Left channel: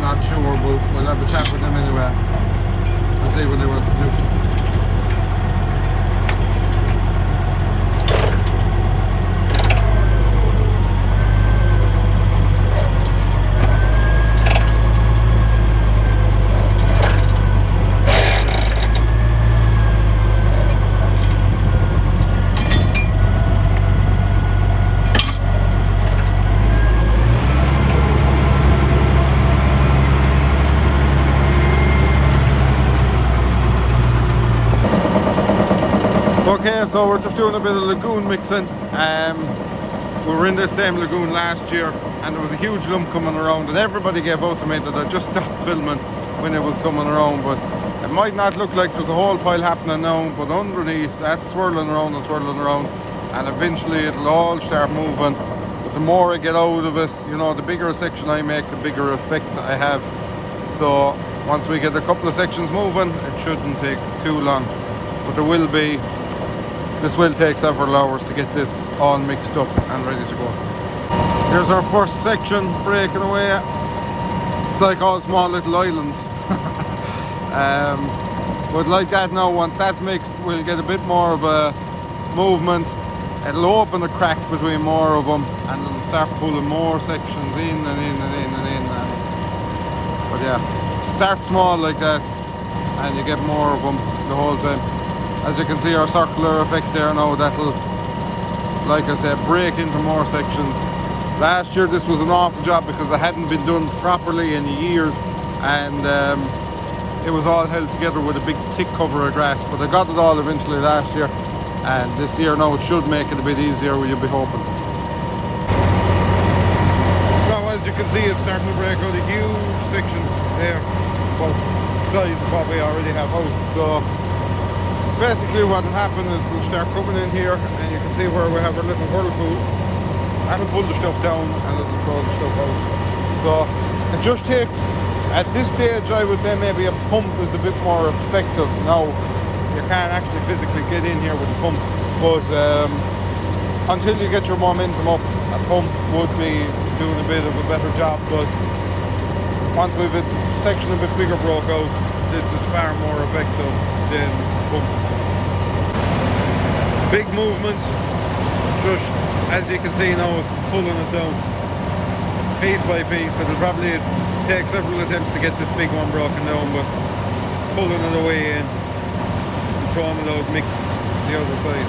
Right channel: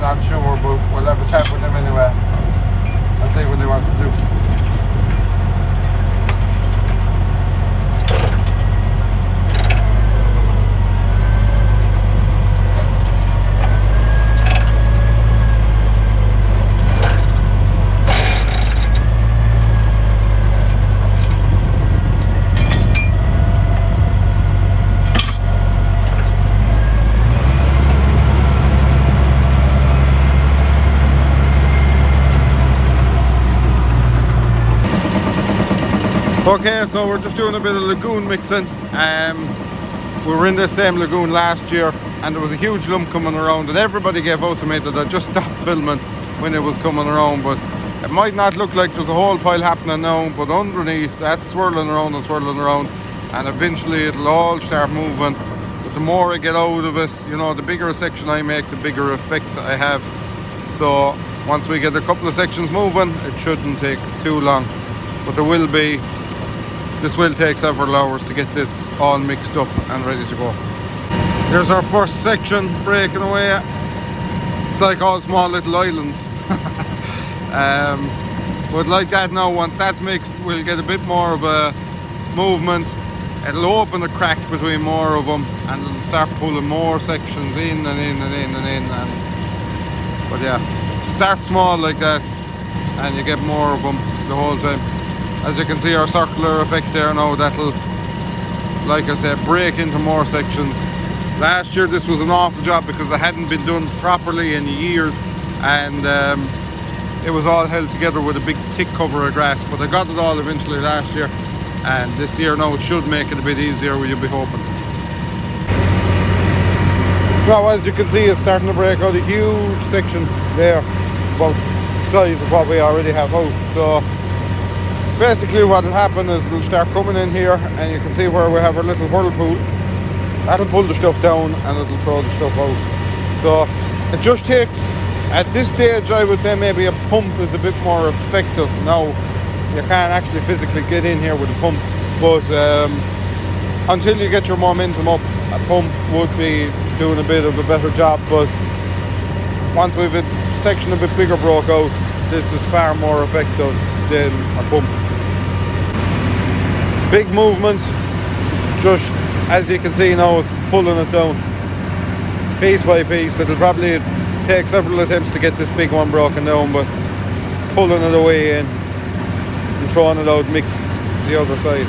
I'm not sure, but we'll have a chat with them anyway. I'll see what they want to do. Okay, so we're just doing a bit of Lagoon mixing. We were in this same Lagoon last year and there was a huge lump coming around and everybody gave out to me that I just stopped filming when it was coming around, but it might not look like there's a whole pile happening now, but underneath that's swirling around and eventually it'll all start moving. But the more I get out of it, you know, the bigger a section I make, the bigger effect I have. So once we get a couple of sections moving, it shouldn't take too long, but this will take several hours to get this all mixed up and ready to go. Here's our first section breaking away. It's like all small little islands. But like that now, once that's mixed, we'll get a bit more of a movement. It'll open a crack between more of them and it'll start pulling more sections in and in and in and in. But yeah, start small like that and you get more of them the whole time. As you can see, our circular effect there now, that'll, like I said, break into more sections. Last year this was an awful job because it hadn't been done properly in years and it was all held together with a big thick cover of grass, but I got it all eventually last year, and this year now it should make it a bit easier, you'll be hoping. Now as you can see, it's starting to break out a huge section there, about the size of what we already have out. So basically what will happen is it'll start coming in here and you can see where we have our little whirlpool. That'll pull the stuff down and it'll throw the stuff out. So it just takes, at this stage I would say maybe a pump is a bit more effective. Now you can't actually physically get in here with a pump, but until you get your momentum up, a pump would be doing a bit of a better job. But once we've a section a bit bigger broke out, this is far more effective than a pump. Big movement, just as you can see now, it's pulling it down piece by piece. It'll probably take several attempts to get this big one broken down, but pulling it away in and throwing it out mixed the other side.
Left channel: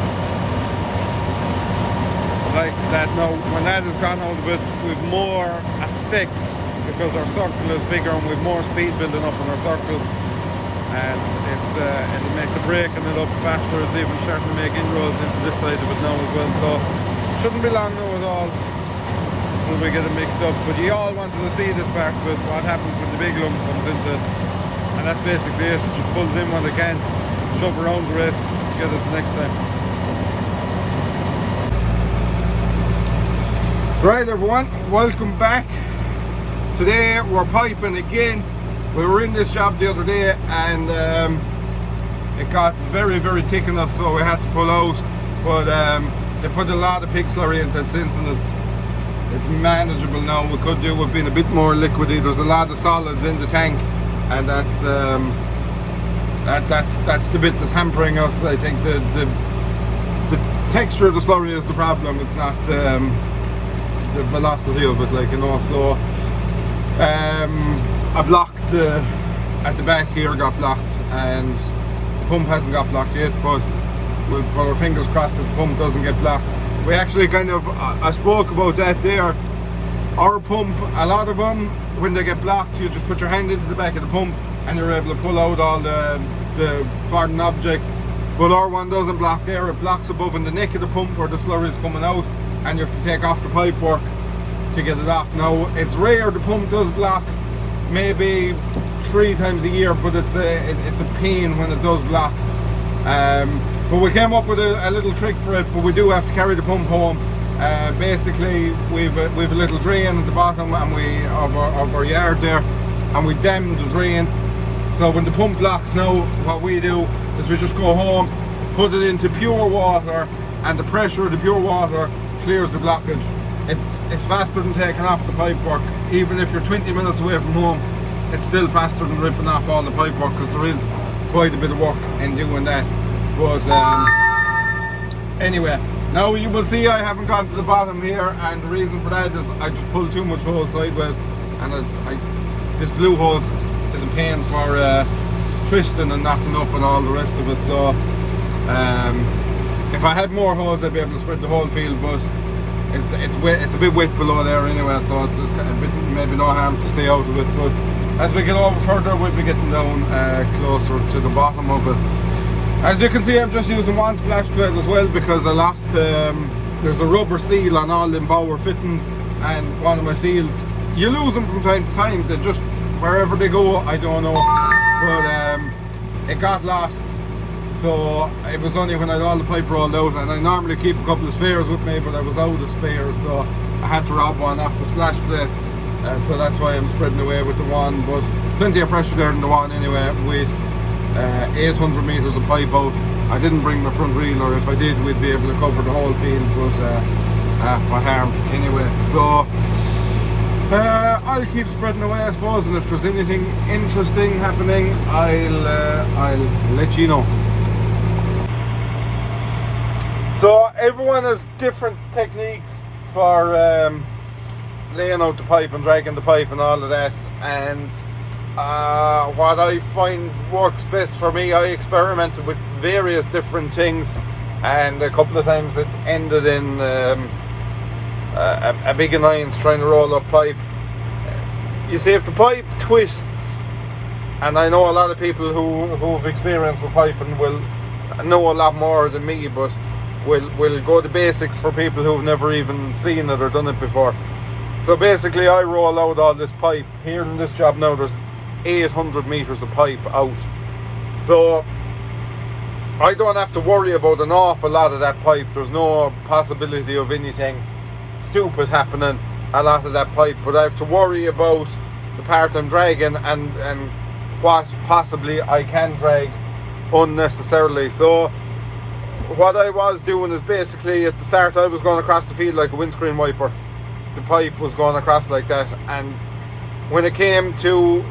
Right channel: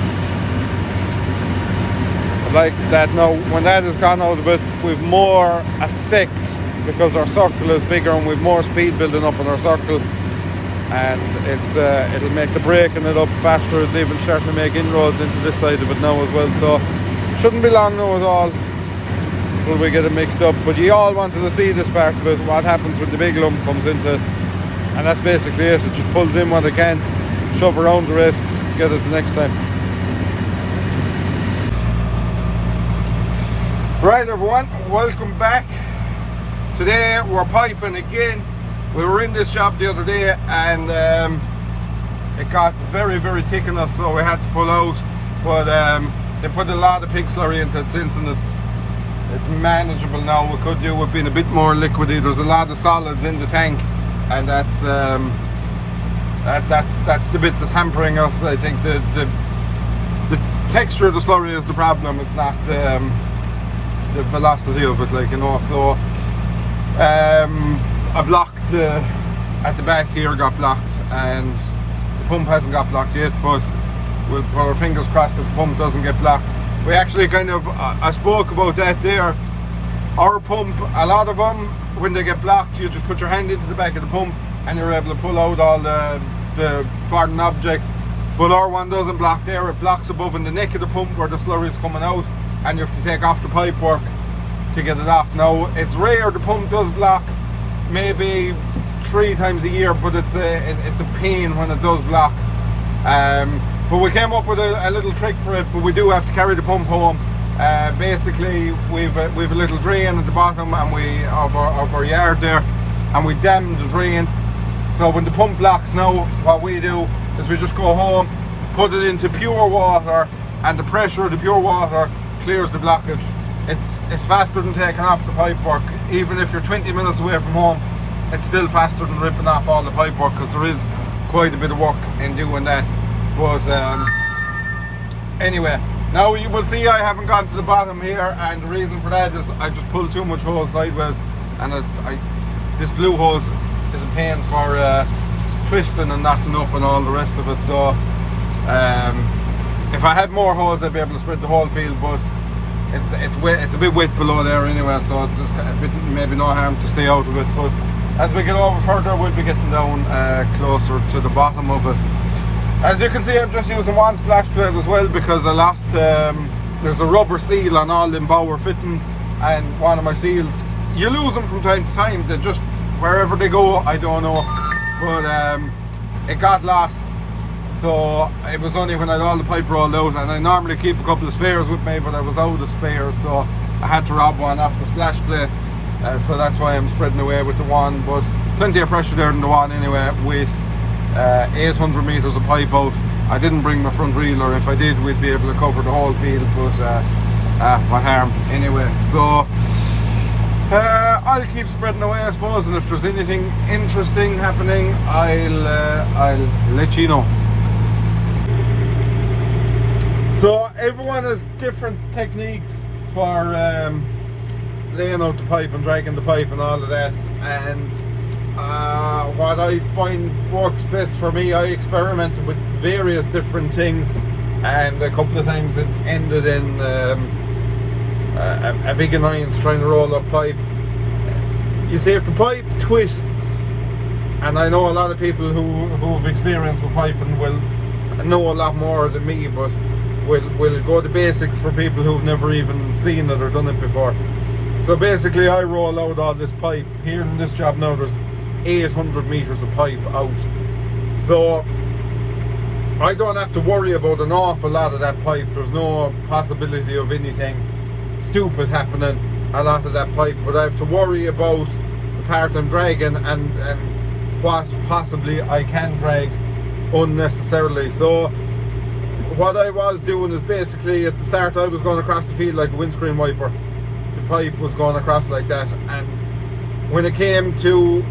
But like that now, when that has gone out of it, we've more effect because our circle is bigger and we've more speed building up in our circle. And it'll make the breaking it up faster. It's even starting to make inroads into this side of it now as well, so shouldn't be long now at all until we get it mixed up. But you all wanted to see this part of it, what happens when the big lump comes into it, and that's basically it. It just pulls in what it can, shove around the rest, get it the next time. Right everyone, welcome back. Today we're piping again. We were in this shop the other day and it got very thick in us, so we had to pull out. But they put a lot of pig slurry into that since, and it's manageable now. We could do with being a bit more liquidy. There's a lot of solids in the tank, and that's the bit that's hampering us. I think the texture of the slurry is the problem. It's not the velocity of it, like, you know. So I blocked at the back here, got blocked, and the pump hasn't got blocked yet, but we'll put our fingers crossed that the pump doesn't get blocked. We actually kind of, I spoke about that there. Our pump, a lot of them, when they get blocked, you just put your hand into the back of the pump and you're able to pull out all the foreign objects. But our one doesn't block there, it blocks above in the neck of the pump where the slurry is coming out, and you have to take off the pipe work to get it off. Now, it's rare the pump does block, maybe 3 times a year, but it's a pain when it does block. But we came up with a little trick for it, but we do have to carry the pump home. Basically, we've a little drain at the bottom and of our yard there, and we dam the drain. So when the pump blocks now, what we do is we just go home, put it into pure water, and the pressure of the pure water clears the blockage. It's faster than taking off the pipe work. Even if you're 20 minutes away from home, it's still faster than ripping off all the pipe work, because there is quite a bit of work in doing that. But anyway, now you will see I haven't got to the bottom here, and the reason for that is I just pulled too much hose sideways, and this blue hose is a pain for twisting and knocking up and all the rest of it. So if I had more hose, I'd be able to spread the whole field, but it's a bit wet below there anyway, so it's a bit, maybe no harm to stay out of it. But as we get over further, we'll be getting down closer to the bottom of it. As you can see, I'm just using one splash plate as well, because I lost, there's a rubber seal on all them bower fittings, and one of my seals, you lose them from time to time. They just, wherever they go, I don't know, but it got lost. So it was only when I had all the pipe rolled out, and I normally keep a couple of spares with me, but I was out of spares, so I had to rob one off the splash plate, and so that's why I'm spreading away with the one. But plenty of pressure there in the one anyway, with 800 metres of pipe out. I didn't bring my front reel, or if I did, we'd be able to cover the whole field, but my hair anyway. So I'll keep spreading away, I suppose, and if there's anything interesting happening, I'll let you know. So everyone has different techniques for laying out the pipe and dragging the pipe and all of that, and what I find works best for me, I experimented with various different things, and a couple of times it ended in a big annoyance trying to roll up pipe. You see, if the pipe twists, and I know a lot of people who have experience with piping will know a lot more than me, but we'll go to basics for people who've never even seen it or done it before. So basically, I roll out all this pipe. Here in this job now, there's 800 metres of pipe out. So I don't have to worry about an awful lot of that pipe. There's no possibility of anything stupid happening a lot of that pipe, but I have to worry about the part I'm dragging and what possibly I can drag unnecessarily. So what I was doing is basically, at the start I was going across the field like a windscreen wiper. The pipe was going across like that, and when it came to,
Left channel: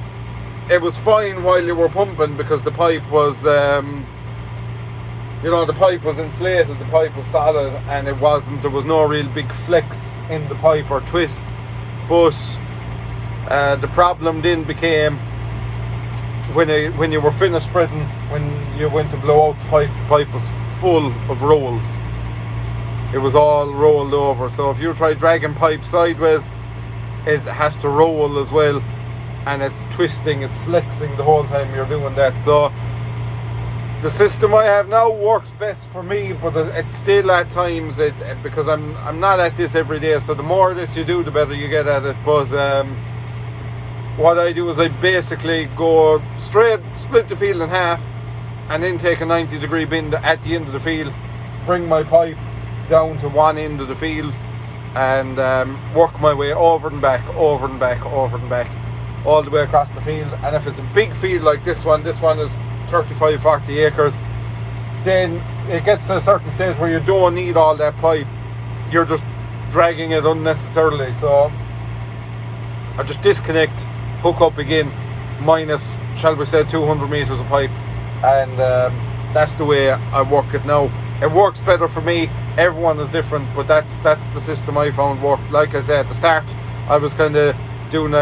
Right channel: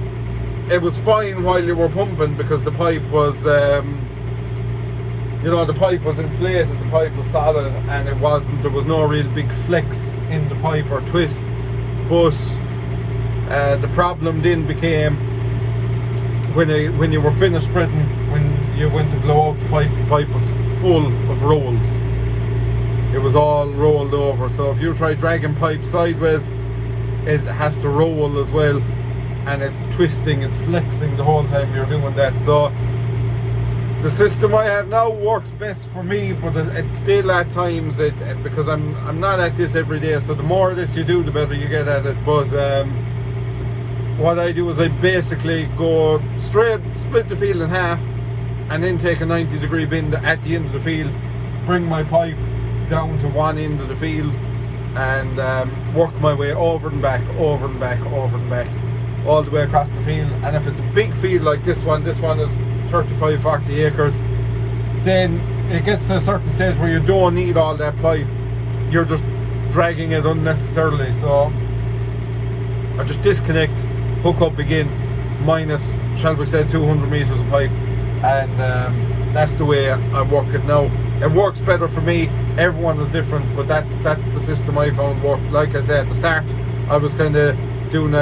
it was fine while you were pumping, because the pipe was you know, the pipe was inflated, the pipe was solid, and there was no real big flex in the pipe or twist. But the problem then became when you were finished spreading, when you went to blow out the pipe was full of rolls. It was all rolled over. So if you try dragging pipe sideways, it has to roll as well, and it's twisting, it's flexing the whole time you're doing that. So the system I have now works best for me, but it's still at times, because I'm not at this every day, so the more of this you do, the better you get at it. But what I do is I basically go straight, split the field in half, and then take a 90-degree bend at the end of the field, bring my pipe down to one end of the field, and work my way over and back, over and back, over and back, all the way across the field. And if it's a big field like this one is 35-40 acres, then it gets to a certain stage where you don't need all that pipe, you're just dragging it unnecessarily. So I just disconnect, hook up again, minus, shall we say, 200 metres of pipe, and that's the way I work it now. It works better for me. Everyone is different, but that's the system I found worked. Like I said at the start, I was kind of doing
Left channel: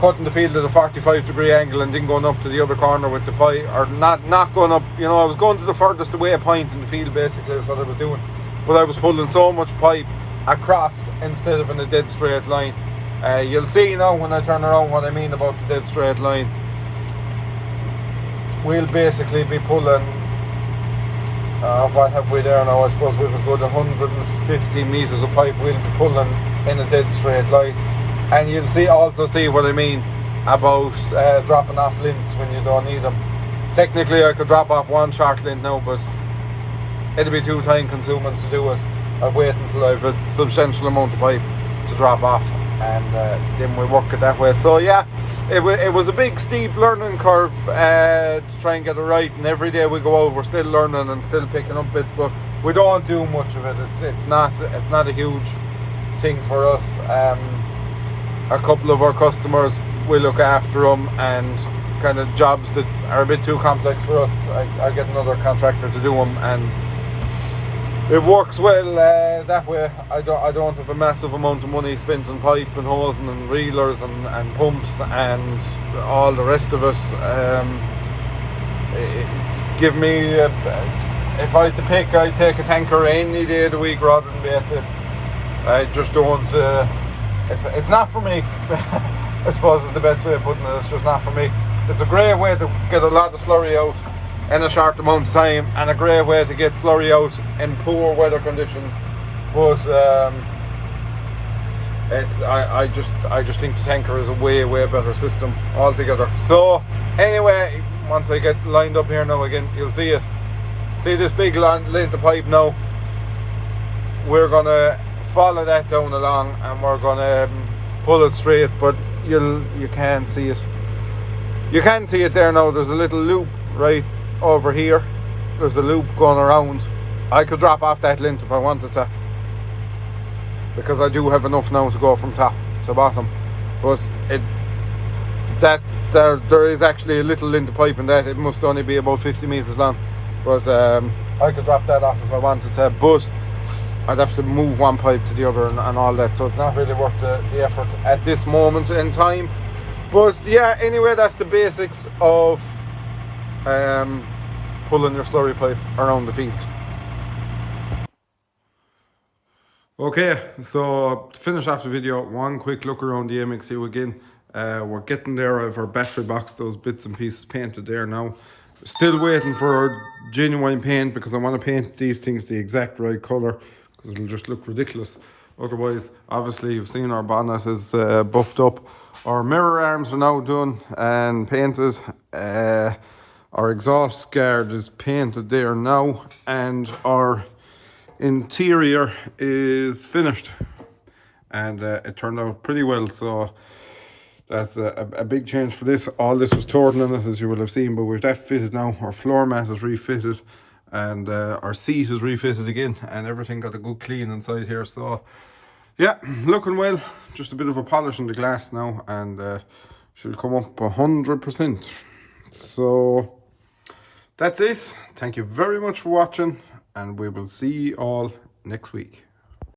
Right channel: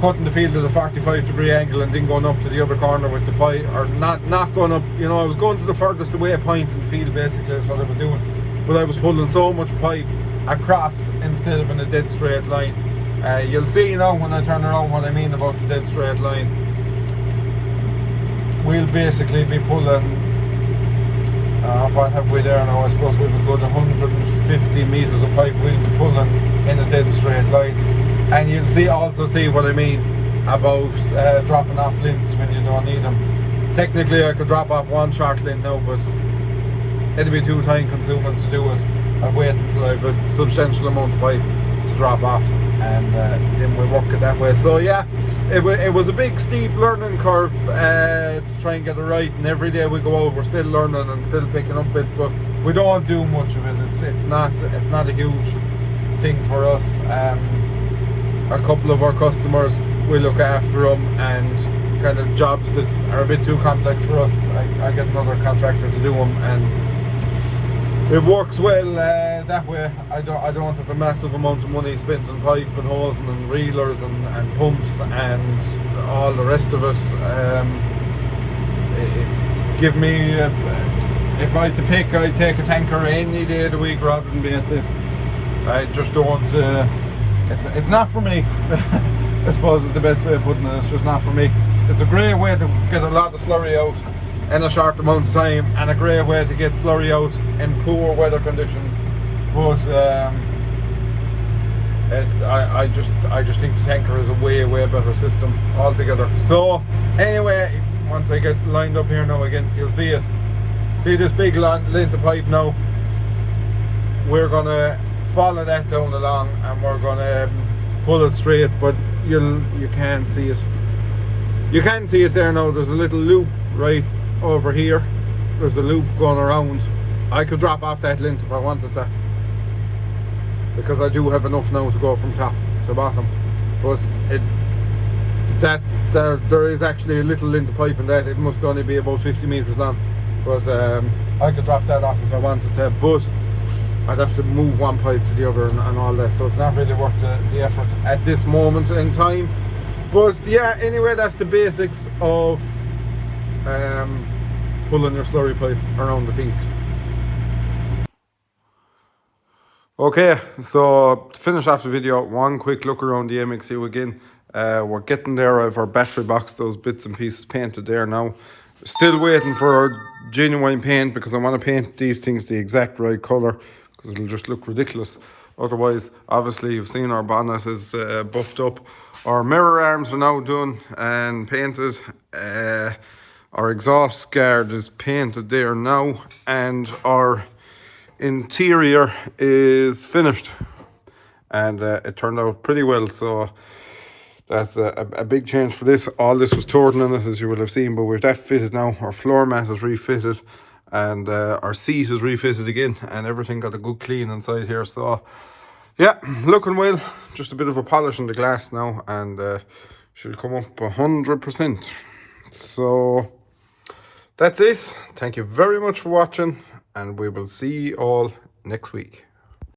cutting the field at a 45-degree angle and then going up to the other corner with the pipe, or not going up, you know, I was going to the furthest away point in the field, basically is what I was doing. But I was pulling so much pipe across instead of in a dead straight line. You'll see now when I turn around what I mean about the dead straight line. We'll basically be pulling, what have we there now? I suppose we've a good 150 metres of pipe we'll be pulling in a dead straight line. And you'll also see what I mean about dropping off lints when you don't need them. Technically I could drop off one short lint now, but it'll be too time consuming to do it. I'll wait until I have a substantial amount of pipe to drop off, and then we'll work it that way. So yeah, it was a big steep learning curve to try and get it right, and every day we go out we're still learning and still picking up bits, but we don't do much of it. It's not a huge thing for us. A couple of our customers we look after them, and kind of jobs that are a bit too complex for us, I get another contractor to do them, and it works well that way. I don't have a massive amount of money spent on pipe and hose and reelers and pumps and all the rest of it. Give me if I had to pick, I'd take a tanker any day of the week rather than be at this. I just don't. It's not for me. I suppose is the best way of putting it. It's just not for me. It's a great way to get a lot of slurry out in a short amount of time, and a great way to get slurry out in poor weather conditions. But I just think the tanker is a way better system altogether. So anyway, once I get lined up here now again, you'll see it. See this big length of pipe now? We're gonna follow that down along, and we're gonna pull it straight, but you can't see it. You can see it there now. There's a little loop right over here. There's a loop going around. I could drop off that length if I wanted to, because I do have enough now to go from top to bottom. But there is actually a little length of pipe in that. It must only be about 50 meters long. But I could drop that off if I wanted to, but I'd have to move one pipe to the other and all that, so it's not really worth the effort at this moment in time. But yeah, anyway, that's the basics of pulling your slurry pipe around the field. Okay, so to finish off the video, one quick look around the MXU again. We're getting there. I have our battery box, those bits and pieces painted there now. Still waiting for our genuine paint, because I want to paint these things the exact right colour, because it'll just look ridiculous otherwise. Obviously, you've seen our bonnet is buffed up. Our mirror arms are now done and painted. Our exhaust guard is painted there now, and our interior is finished, and it turned out pretty well. So that's a big change for this. All this was torn in it, as you will have seen, but with that fitted now, our floor mat is refitted, and our seat is refitted again, and everything got a good clean inside here. So yeah, looking well. Just a bit of a polish on the glass now, and she'll come up 100%. So that's it. Thank you very much for watching, and we will see you all next week.